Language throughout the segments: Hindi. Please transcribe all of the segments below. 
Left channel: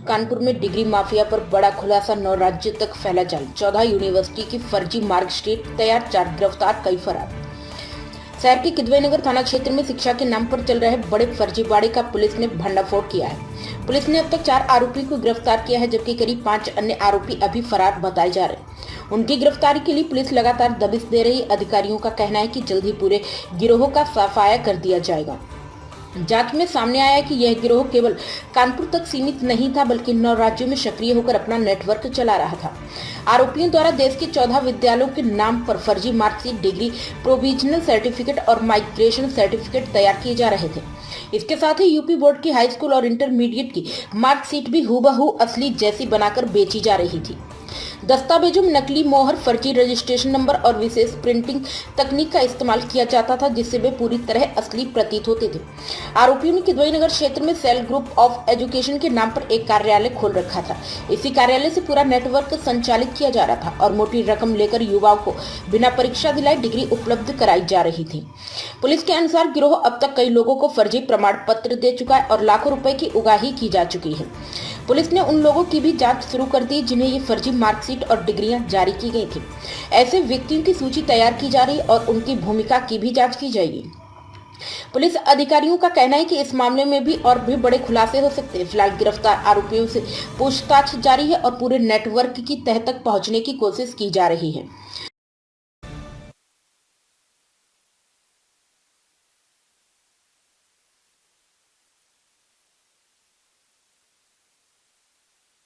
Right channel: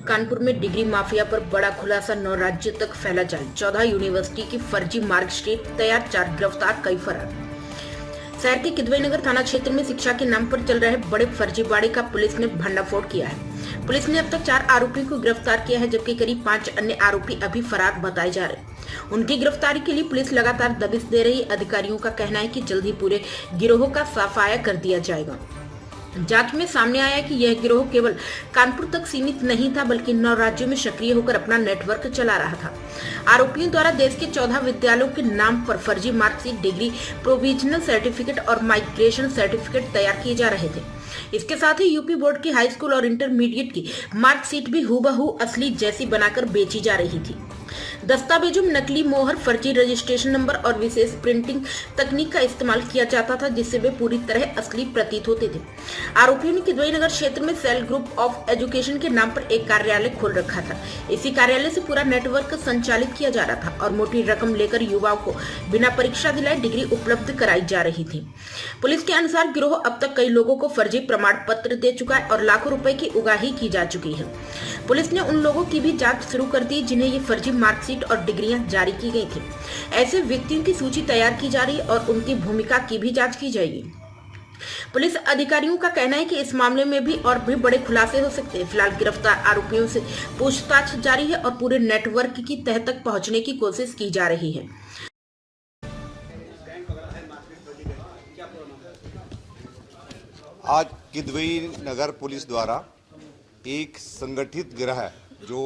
कानपुर में डिग्री माफिया पर बड़ा खुलासा, 9 राज्यों तक फैला जाल। 14 यूनिवर्सिटी की फर्जी मार्कशीट तैयार, 4 गिरफ्तार, कई फरार। शहर के किदवई नगर थाना क्षेत्र में शिक्षा के नाम पर चल रहे बड़े फर्जीवाड़े का पुलिस ने भंडाफोड़ किया है। पुलिस ने अब तक 4 आरोपी को गिरफ्तार किया है, जबकि करीब 5 अन्य आरोपी अभी फरार बताए जा रहे हैं। उनकी गिरफ्तारी के लिए पुलिस लगातार दबिश दे रही। अधिकारियों का कहना है कि जल्द ही पूरे गिरोह का सफाया कर दिया जाएगा। जांच में सामने आया कि यह गिरोह केवल कानपुर तक सीमित नहीं था, बल्कि 9 राज्यों में सक्रिय होकर अपना नेटवर्क चला रहा था। आरोपियों द्वारा देश के 14 विद्यालयों के नाम पर फर्जी मार्कशीट, डिग्री, प्रोविजनल सर्टिफिकेट और माइग्रेशन सर्टिफिकेट तैयार किए जा रहे थे। इसके साथ ही यूपी बोर्ड की हाई स्कूल और इंटरमीडिएट की मार्कशीट भी हूबहू असली जैसी बनाकर बेची जा रही थी। दस्तावेजों में नकली मोहर, फर्जी रजिस्ट्रेशन नंबर और विशेष प्रिंटिंग तकनीक का इस्तेमाल किया जाता था, जिससे वे पूरी तरह असली प्रतीत होते थे। आरोपियों ने किदवई नगर क्षेत्र में सेल ग्रुप ऑफ एजुकेशन के नाम पर एक कार्यालय खोल रखा था। इसी कार्यालय से पूरा नेटवर्क संचालित किया जा रहा था और मोटी रकम लेकर युवाओं को बिना परीक्षा दिलाए डिग्री उपलब्ध कराई जा रही थी। पुलिस के अनुसार गिरोह अब तक कई लोगों को फर्जी प्रमाण पत्र दे चुका है और लाखों रुपए की उगाही की जा चुकी है। पुलिस ने उन लोगों की भी जांच शुरू कर दी जिन्हें ये फर्जी मार्कशीट और डिग्रियां जारी की गई थी। ऐसे व्यक्तियों की सूची तैयार की जा रही है और उनकी भूमिका की भी जांच की जाएगी। पुलिस अधिकारियों का कहना है कि इस मामले में भी और भी बड़े खुलासे हो सकते हैं। फिलहाल गिरफ्तार आरोपियों से पूछताछ जारी है और पूरे नेटवर्क की तह तक पहुंचने की कोशिश की जा रही है। आज किदवई नगर पुलिस द्वारा एक संगठित गिरोह जो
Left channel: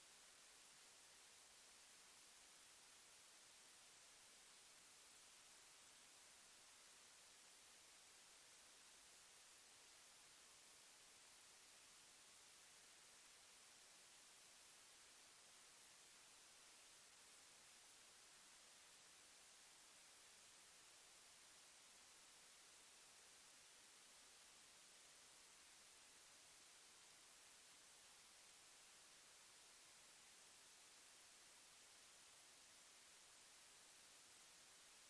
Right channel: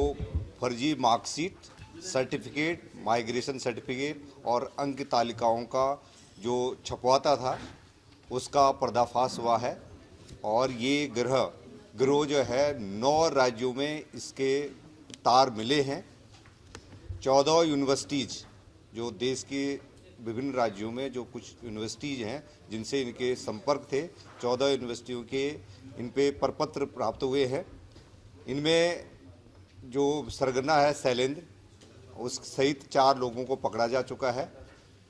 फर्जी मार्कशीट, सर्टिफिकेट, माइग्रेशन सर्टिफिकेट और अंक तालिकाओं का जो छपवाता था उसका पर्दाफाश हुआ है। और ये गिरोह जो है 9 राज्यों में इसके तार मिले हैं। 14 यूनिवर्सिटीज़ जो देश के विभिन्न राज्यों में जो कुछ यूनिवर्सिटीज़ हैं जिनसे इनके संपर्क थे, 14 यूनिवर्सिटियों के इन पे प्रपत्र प्राप्त हुए हैं। इनमें जो सरगना है शैलेंद्र, उस सहित 4 लोगों को पकड़ा जा चुका है।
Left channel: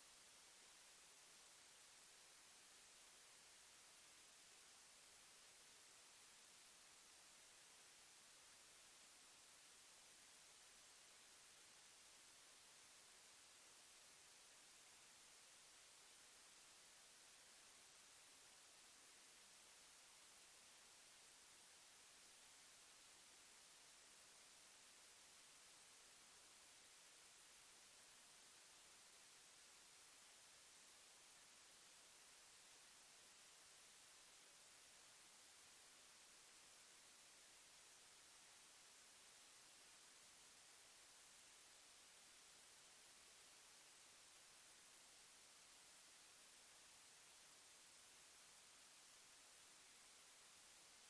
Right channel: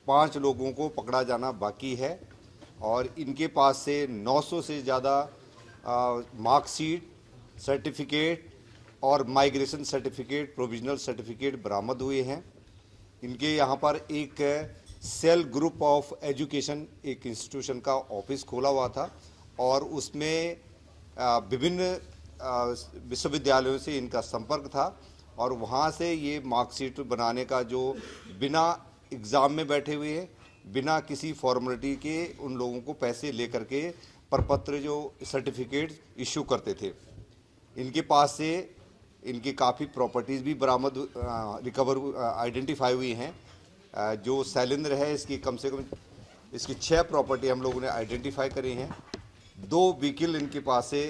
5 लोगों को पकड़ा जाना बाकी है और इनके पास से 900 से ज़्यादा मार्कशीट, सर्टिफिकेट और माइग्रेशन सर्टिफिकेट, प्रोविजनल सर्टिफिकेट बरामद हुए हैं। इनके यहाँ पर एक सेल ग्रुप ऑफ एजुकेशन, एक इंस्टीट्यूशन का ऑफिस खोला हुआ था और उसमें विभिन्न विश्वविद्यालयों से इनका संपर्क था और वहाँ से ये मार्कशीट बनाने का जो बिना एग्ज़ाम में बैठे हुए हैं, बिना किसी फॉर्मेलिटी के उन लोगों को पैसे लेकर के प्रपत्र जो सर्टिफिकेट इशू करते थे। इनके पास से इनकी काफ़ी प्रॉपर्टीज़ भी बरामद आइडेंटिफाई हुई हैं। जो शैलेंद्र है इसकी कम से कम इसकी 6 प्रॉपर्टी हम लोगों ने आइडेंटिफाई करी हैं। 2 व्हीकल इनके पास से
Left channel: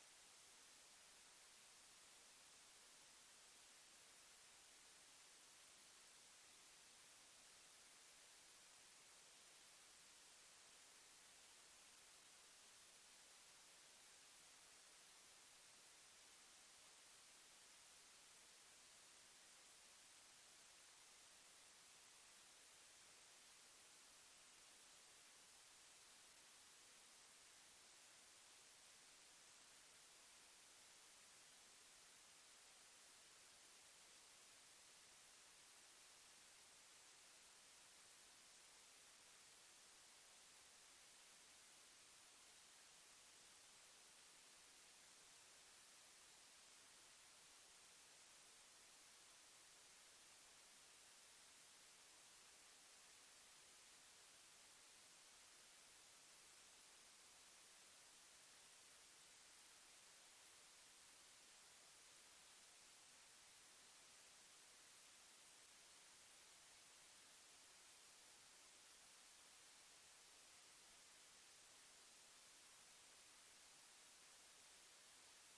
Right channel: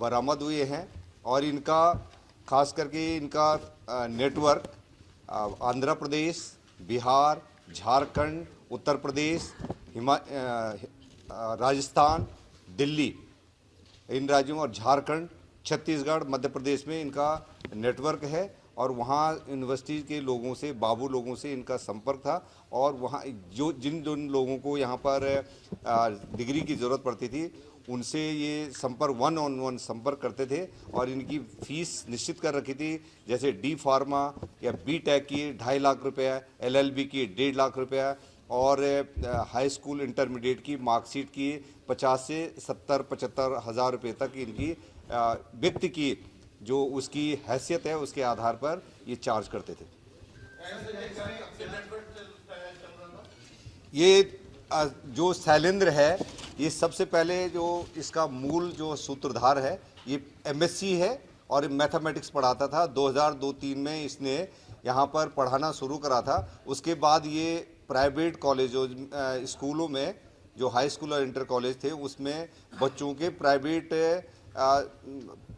बरामद हुए हैं और इनका खास करके इनका नेटवर्क आंध्र प्रदेश, बिहार, झारखंड, उत्तर प्रदेश, राजस्थान, दिल्ली, इन राज्यों और झारखंड, छत्तीसगढ़, मध्य प्रदेश में इनका नेटवर्क है और वहाँ यूनिवर्सिटी के लोगों से, बाबू लोगों से इनका संपर्क था और वहाँ जिन लोगों को यहाँ पर डिग्री की ज़रूरत पड़ती थी उनसे ये संपर्क 1-on-1 संपर्क करते थे और इनकी फीस निश्चित कर रखी थी। जैसे डी फार्मा या बी टेक की 2.5 लाख रुपया, LLB की 1.5 लाख रुपया और हाई स्कूल इंटरमीडिएट की मार्कशीट की 50 से 70-75 हज़ार रुपये तक इनकी व्यक्ति की जो उसकी हैसियत है उसके आधार पर ये चार्ज करते थे। ये जो शैलेंद्र है ये सबसे पहले जो इसका मूल जो सूत्रधार है ये MSc है और मैथमेटिक्स पढ़ाता था। 2002-03 में इसने यहाँ पर पढ़ाना शुरू करा था। उसके बाद ये प्राइवेट कॉलेजों स्कूलों में जो हाई स्कूल और इंटर कॉलेज थे उसमें बच्चों के प्राइवेट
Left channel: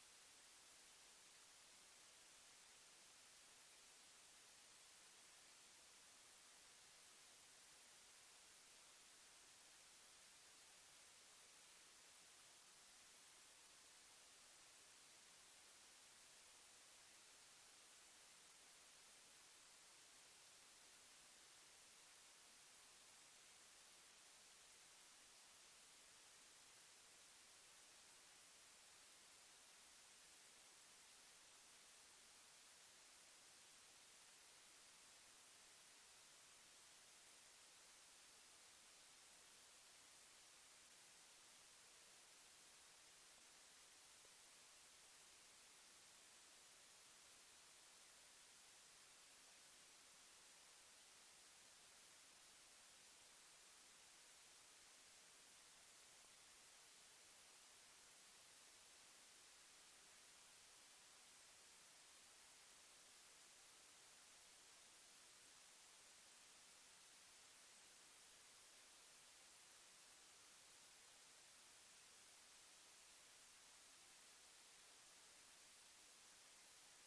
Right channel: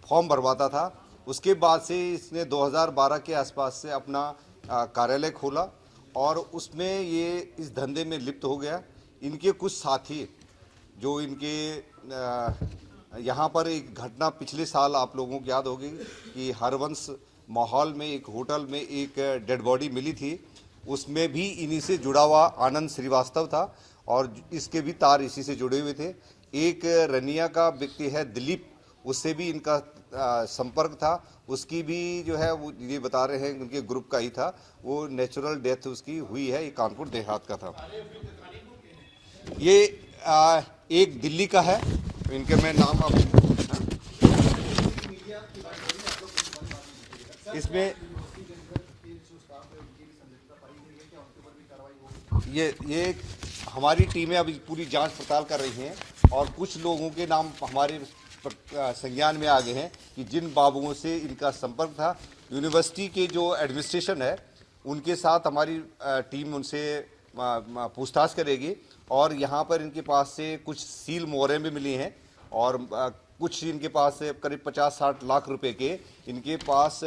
फॉर्म भरवाता था। उसके बाद से इसने 2012 के आसपास से अपना कार्यालय खोला और उसमें ये इस धंधे में लिप्त हो गया। इनके कुछ साथी जो इनके यहाँ पर एक घटना पिछले साल आप लोगों को याद होगी कि हरवंश माहौल में एक होटल में एक डेड बॉडी मिली थी, उसमें भी इन्हीं से जुड़ा हुआ आनंद श्रीवास्तव था और इसके भी तार इसी से जुड़े हुए थे। एक रनिया का व्यक्ति है दिलीप, उससे भी इनका संपर्क था उसकी भी जो है वो ये बता रहे हैं उनके ग्रुप का ही था, वो नेचुरल डेथ उसकी हुई है। ये कानपुर देहात का था। ये एक दिल्ली का है, इनके मैं नाम आप इसमें ये हमारी टीमें अभी पूरी जांच पड़ताल कर रही हैं और कुछ लोगों के नाम हमारे संज्ञान में आ गए हैं कि जिन बाबुओं से इनका संपर्क था। यूनिवर्सिटी के जो एडमिनिस्ट्रेशन है उनके साथ हमारी टीम उनसे पूछताछ करेगी और यहाँ पर इनके पास से कुछ सील मोहरें भी मिली हैं और कुछ इनके पास से करीब 50-60 लाख रुपए के इनके पास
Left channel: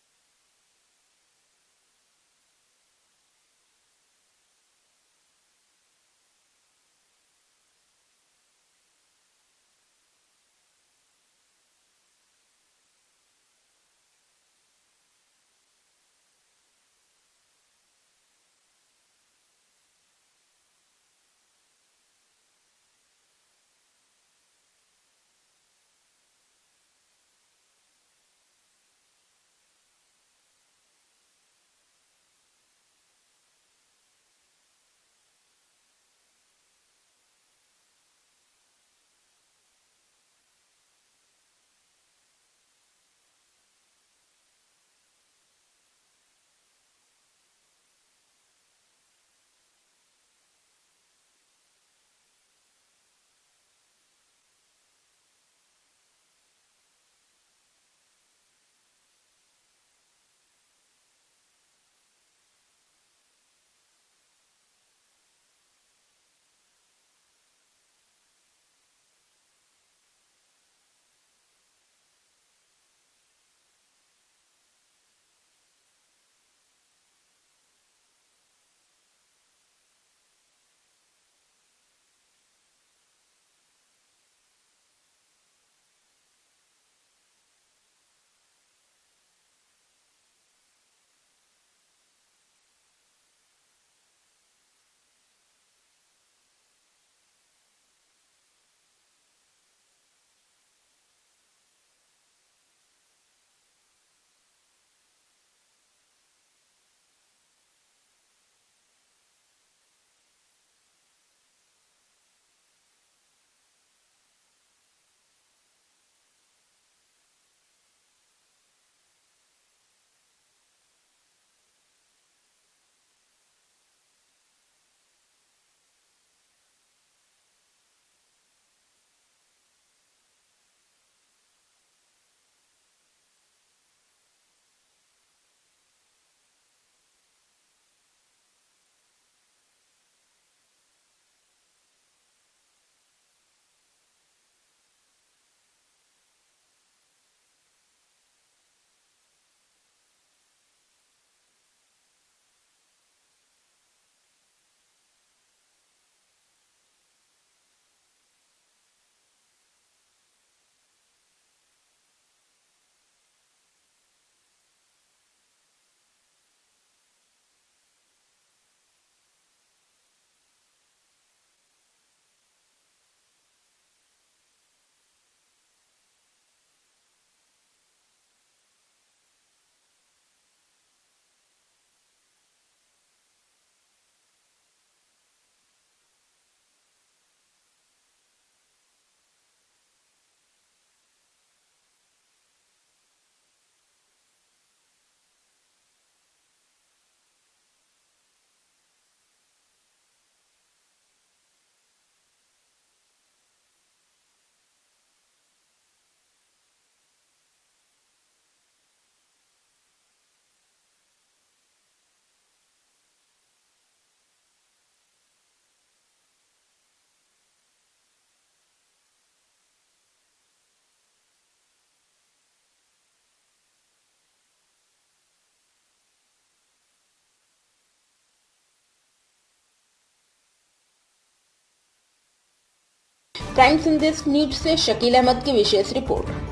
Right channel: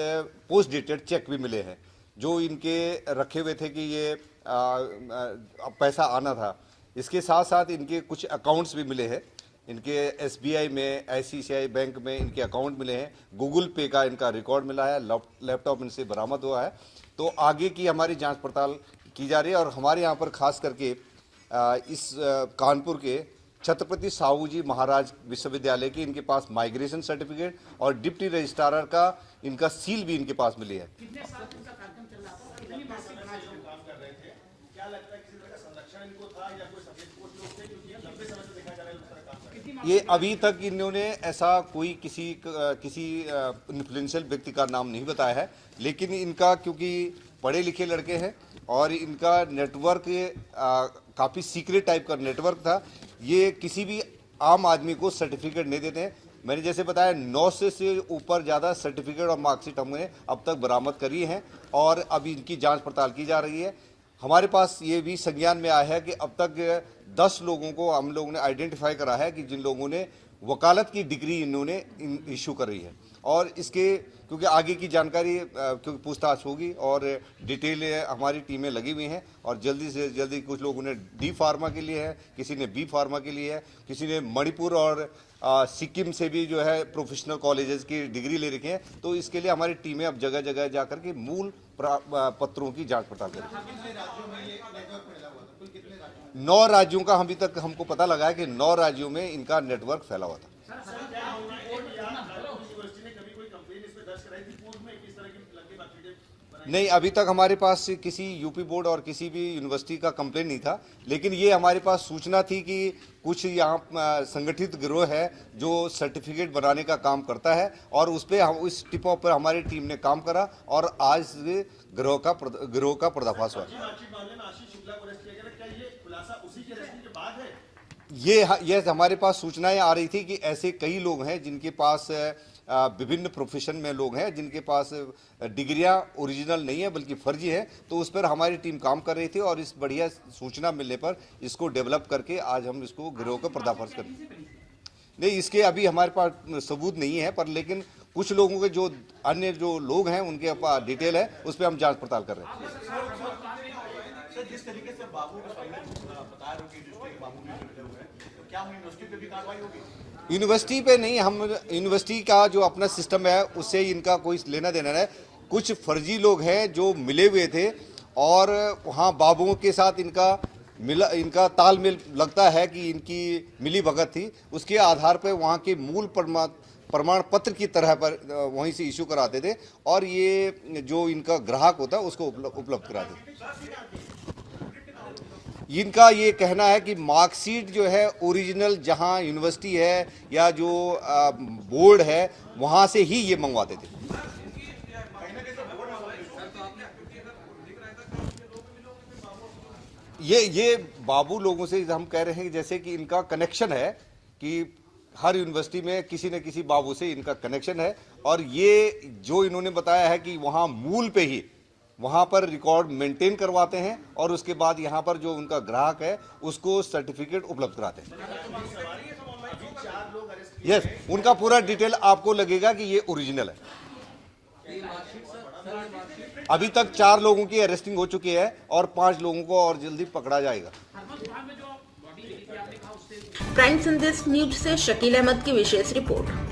पोस्ट डेटेड चेक भी मिले हैं जो इनके रखे हुए थे कि ये पैसा आना था। इसके साथ साथ इनके कुछ अकाउंट्स भी मिले हैं। इनके SBI में, ICICI बैंक में इनके अकाउंट मिले हैं। गूगल पे का इनका रिकॉर्ड मिला है। लैपटॉप इनसे बरामद हुआ है। तो आगे की हमारी जांच पड़ताल की जा रही है और हमारे यहाँ पर खास करके इस कानपुर के छत्रपति साहू जी महाराज विश्वविद्यालय की इनके पास माइग्रेशन सर्टिफिकेट और डिप्टी रजिस्ट्रार का इनका सील भी इनके पास मिली है। ये अभी तक इन्होंने ऐसा कोई किसी इन्फ्लुएंशियल व्यक्ति का नाम नहीं बताया है, लेकिन इनका क्योंकि पढ़े लिखे लड़के हैं और इनका नेटवर्क काफ़ी सीक्रेट टाइप का नेटवर्क था। ये किसी भी आम आदमी को सर्टिफिकेट नहीं देते हैं। मैंने जैसे बताया 900 से ऊपर ज़्यादा सर्टिफिकेट और मार्कशीट हमने अब तक बरामद करी हैं और अभी इनकी जांच पड़ताल की जा रही है। हमारे पास ये भी संज्ञान में आया है कि अब तक 10 लोगों को हम लोगों ने आइडेंटिफाई करा है कि जिन लोगों ने वकालत की डिग्री इन्होंने इशू करी है और इसके क्योंकि आगे की जानकारी क्योंकि पूछताछ होगी और डिटेल हमारी टीमें लगी हुई हैं और जल्दी से जल्दी कुछ लोगों ने D फार्मा के लिए है, किसी ने B फार्मा के लिए है, किसी ने मणिपुर और सिक्किम से भी जो है प्रोफेशनल कॉलेजेस की डिग्री ले रखी हैं। तो इसके लिए हमारी टीमें अब जगह जगह जाकर के मूल पत्रों की जांच पड़ताल करेंगी। 9 राज्यों का अभी तक हमको पता लगा है कि 9 राज्यों में इनका नेटवर्क फैला हुआ था। नहीं, अभी तक हमारे पास किसी यूपी बोर्ड और किसी भी यूनिवर्सिटी का कंप्लेन नहीं था, लेकिन ये हमारे पास सूचना थी कि कुछ यहाँ संगठित गिरोह है जो सर्टिफिकेट बनाने का काम करता है और उस पर हम इस टिप ऑफ पर हमारी टीम ने काम करा और आज गिरोह का पर्दाफाश हुआ। ये हमारे पास सूचनाएं आ रही थी कि ऐसे कई लोग हैं जिनके पास विभिन्न प्रोफेशन में लोग हैं जिनके पास डिग्रियां ओरिजिनल नहीं है बल्कि फर्जी है। तो उस पर हमारी टीम काम कर रही थी और इस बढ़िया सूचना मिलने पर इसको डेवलप करके आज हम इसको गिरोह का पर्दाफाश करें। नहीं, इसके अभी हमारे पास सबूत नहीं है, पर लेकिन कुछ लोगों के जो अन्य जो लोग हैं उनके पास डिटेल है, उस पर हम जांच पड़ताल कर रहे हैं। जिस तरीके से बाबू का बता रहे हो कि जिस बाबू ने हुए तो क्या यूनिवर्सिटी पे भी कार्रवाई होगी? यूनिवर्सिटी पे नहीं, हम यूनिवर्सिटी का जो अपना सिस्टम है उससे इनका कोई लेना देना है। कुछ फर्जी लोग हैं जो मिले हुए थे और वहाँ बाबुओं के साथ इनका तालमेल लगता है कि इनकी मिली भगत थी। उसके आधार पर वहाँ के मूल प्रमाण पत्र की तरह पर वहीं से इशू कराते थे और ये जो इनका ग्राहक होता है उसको उपलब्ध कराते थे। इनका ये कहना है कि मार्कशीट जो है ओरिजिनल जहां यूनिवर्सिटी है या जो बोर्ड है वहां से ही ये मंगवाते थे। ये बाबू लोगों से हम कह रहे हैं जैसे कि इनका कनेक्शन है कि हर यूनिवर्सिटी में किसी न किसी बाबू से इनका कनेक्शन है और ये जो इन्होंने बताया है कि वहां मूल पे ही वहाँ पर रिकॉर्ड मेंटेन करवाते हैं और उसके बाद यहाँ पर जो उनका ग्राहक है उसको सर्टिफिकेट उपलब्ध कराते हैं। यस, उनका पूरा डिटेल आपको लगेगा कि ये ओरिजिनल है। अभी तक 4 लोगों की अरेस्टिंग हो चुकी है और 5 लोगों को और जल्दी पकड़ा जाएगा। प्राइम संदेश न्यूज से शकील अहमद की विशेष रिपोर्ट।